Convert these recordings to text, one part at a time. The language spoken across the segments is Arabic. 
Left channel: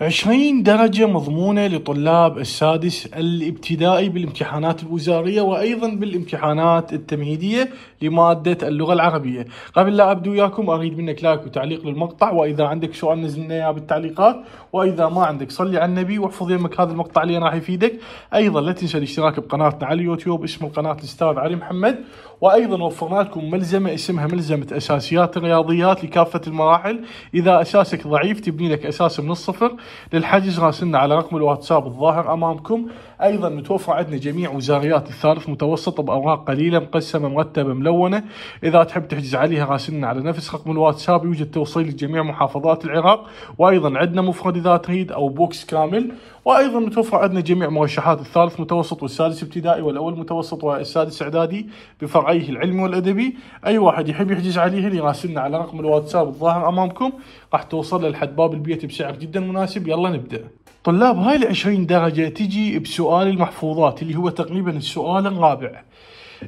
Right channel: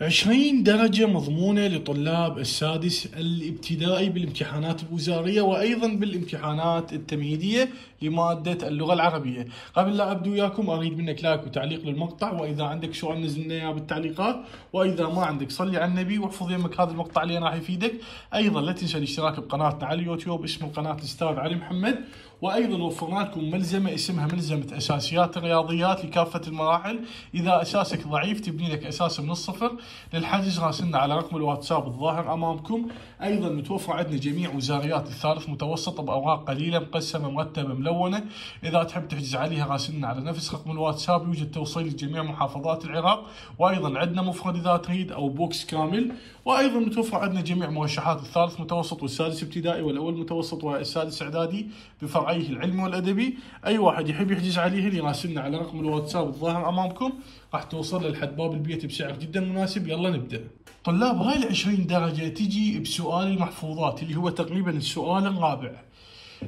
20 درجة مضمونة لطلاب السادس الابتدائي بالامتحانات الوزارية وأيضا بالامتحانات التمهيدية لمادة اللغة العربية. قبل لا أبدو وياكم أريد منك لايك وتعليق للمقطع، وإذا عندك سؤال نزل لنا إياه بالتعليقات، وإذا ما عندك صلي على النبي واحفظ يمك هذا المقطع اللي راح يفيدك. أيضا لا تنسى الاشتراك بقناتنا على اليوتيوب، اسم القناة الأستاذ علي محمد. وأيضا وفرنا لكم ملزمة اسمها ملزمة أساسيات الرياضيات لكافة المراحل. إذا أساسك ضعيف تبني لك أساس من الصفر. للحجز راسلنا على رقم الواتساب الظاهر أمامكم. أيضا متوفر عندنا جميع وزاريات الثالث متوسط بأوراق قليلة مقسمة مرتبة ملونة. إذا تحب تحجز عليها راسلنا على نفس رقم الواتساب. يوجد توصيل لجميع محافظات العراق، وأيضا عندنا مفرد إذا تريد أو بوكس كامل. وأيضا متوفر عندنا جميع مرشحات الثالث متوسط والسادس ابتدائي والأول متوسط والسادس إعدادي بفرعيه العلمي والأدبي. أي واحد يحب يحجز عليها يراسلنا على رقم الواتساب الظاهر أمامكم، راح توصل لحد باب البيت بسعر جدا مناسب. يلا نبدأ. طلاب، هاي ال20 درجة تجي بسؤال المحفوظات اللي هو تقريبا السؤال الرابع.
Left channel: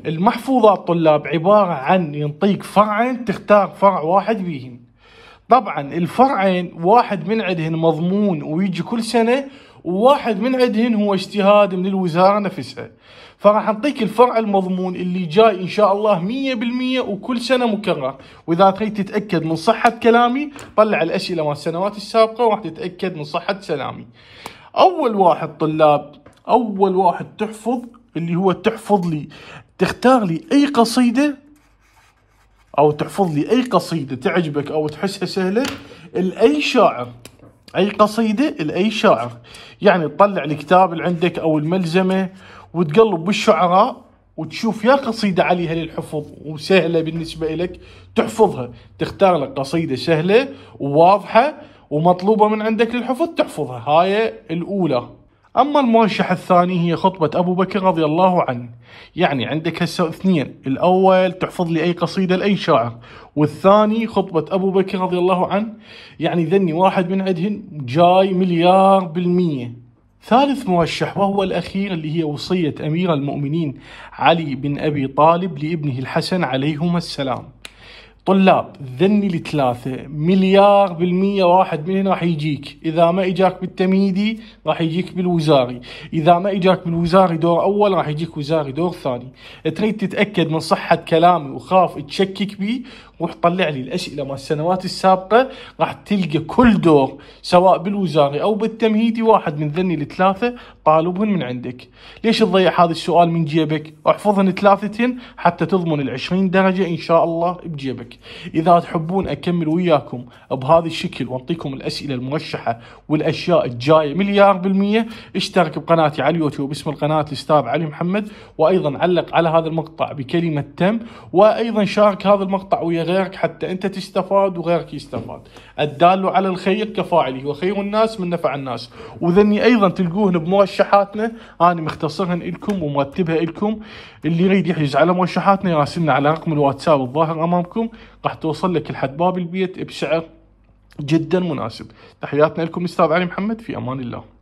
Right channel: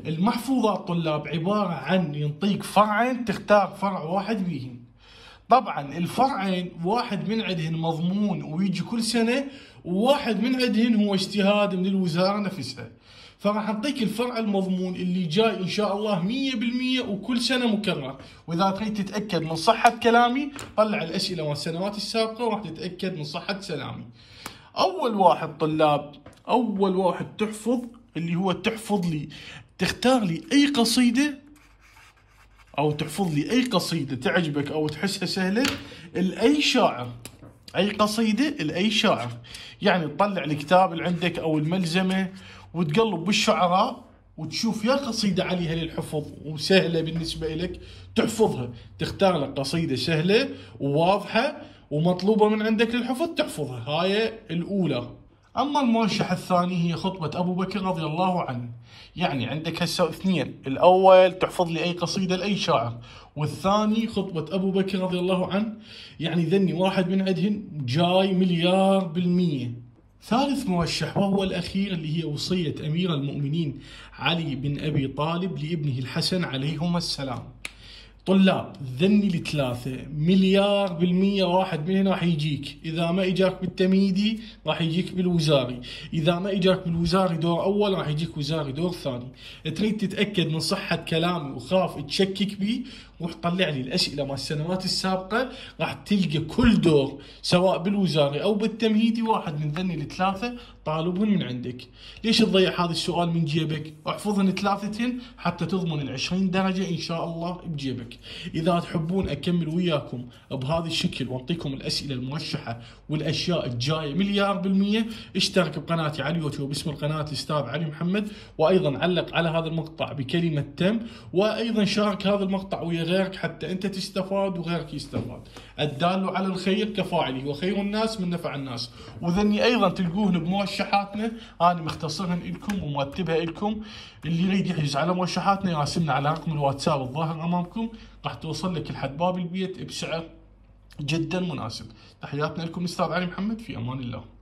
المحفوظات طلاب عبارة عن ينطيك فرعين تختار فرع واحد بيهم. طبعا الفرعين واحد من عندهن مضمون ويجي كل سنة، وواحد من عندهن هو اجتهاد من الوزارة نفسها. فراح نعطيك الفرع المضمون اللي جاي ان شاء الله 100% وكل سنة مكرر. واذا تريد تتأكد من صحة كلامي طلع الاسئلة مال السنوات السابقة وراح تتأكد من صحة كلامي. اول واحد طلاب، اول واحد تحفظ اللي هو تحفظ لي، تختار لي اي قصيدة او تحفظ لي اي قصيدة تعجبك او تحسها سهلة لأي شاعر. اي قصيدة لأي شاعر، يعني تطلع الكتاب اللي عندك او الملزمة وتقلب بالشعراء وتشوف يا قصيدة عليها للحفظ وسهلة بالنسبة لك تحفظها. تختار لك قصيدة سهلة وواضحة ومطلوبة من عندك للحفظ تحفظها. هاي الأولى. أما المرشح الثاني هي خطبة أبو بكر رضي الله عنه. يعني عندك هسه اثنين، الأول تحفظ لي أي قصيدة لأي شاعر، والثاني خطبة أبو بكر رضي الله عنه. يعني ذني واحد من عندهن جاي 100%. ثالث مرشح وهو الأخير اللي هي وصية أمير المؤمنين علي بن أبي طالب لابنه الحسن عليهما السلام. طلاب، ذني الثلاثة 100% واحد منهم راح يجيك. إذا ما إجاك بالتمهيدي راح يجيك بالوزاري، إذا ما إجاك بالوزاري دور أول راح يجيك وزاري دور ثاني. تريد تتأكد من صحة كلامي وخاف تشكك بي، روح طلع لي الأسئلة مال السنوات السابقة، راح تلقى كل دور سواء بالوزاري أو بالتمهيدي واحد من ذني الثلاثة طالبهن من عندك. ليش تضيع هذا السؤال من جيبك؟ احفظهن ثلاثتين حتى تضمن ال20 درجة إن شاء الله بجيبك. إذا تحبون أكمل وياكم بهذا الشكل وأعطيكم الأسئلة المرشحة والأشياء الجاية 100%، اشترك بقناتي على اليوتيوب اسم القناة الأستاذ علي محمد، وأيضا علق على هذا المقطع بكلمة تم، وأيضا شارك هذا المقطع ويا غيرك حتى أنت تستفاد وغيرك يستفاد. الدال على الخير كفاعله، وخير الناس من نفع الناس. وذني أيضا تلقوهن بمرشحاتنا، أنا مختصرهن لكم ومرتبها لكم. اللي يريد يحجز على مرشحاتنا يراسلنا على رقم الواتساب الظاهر أمامكم، راح توصل لك لحد باب البيت بسعر جدا مناسب. تحياتنا لكم أستاذ علي محمد، في أمان الله.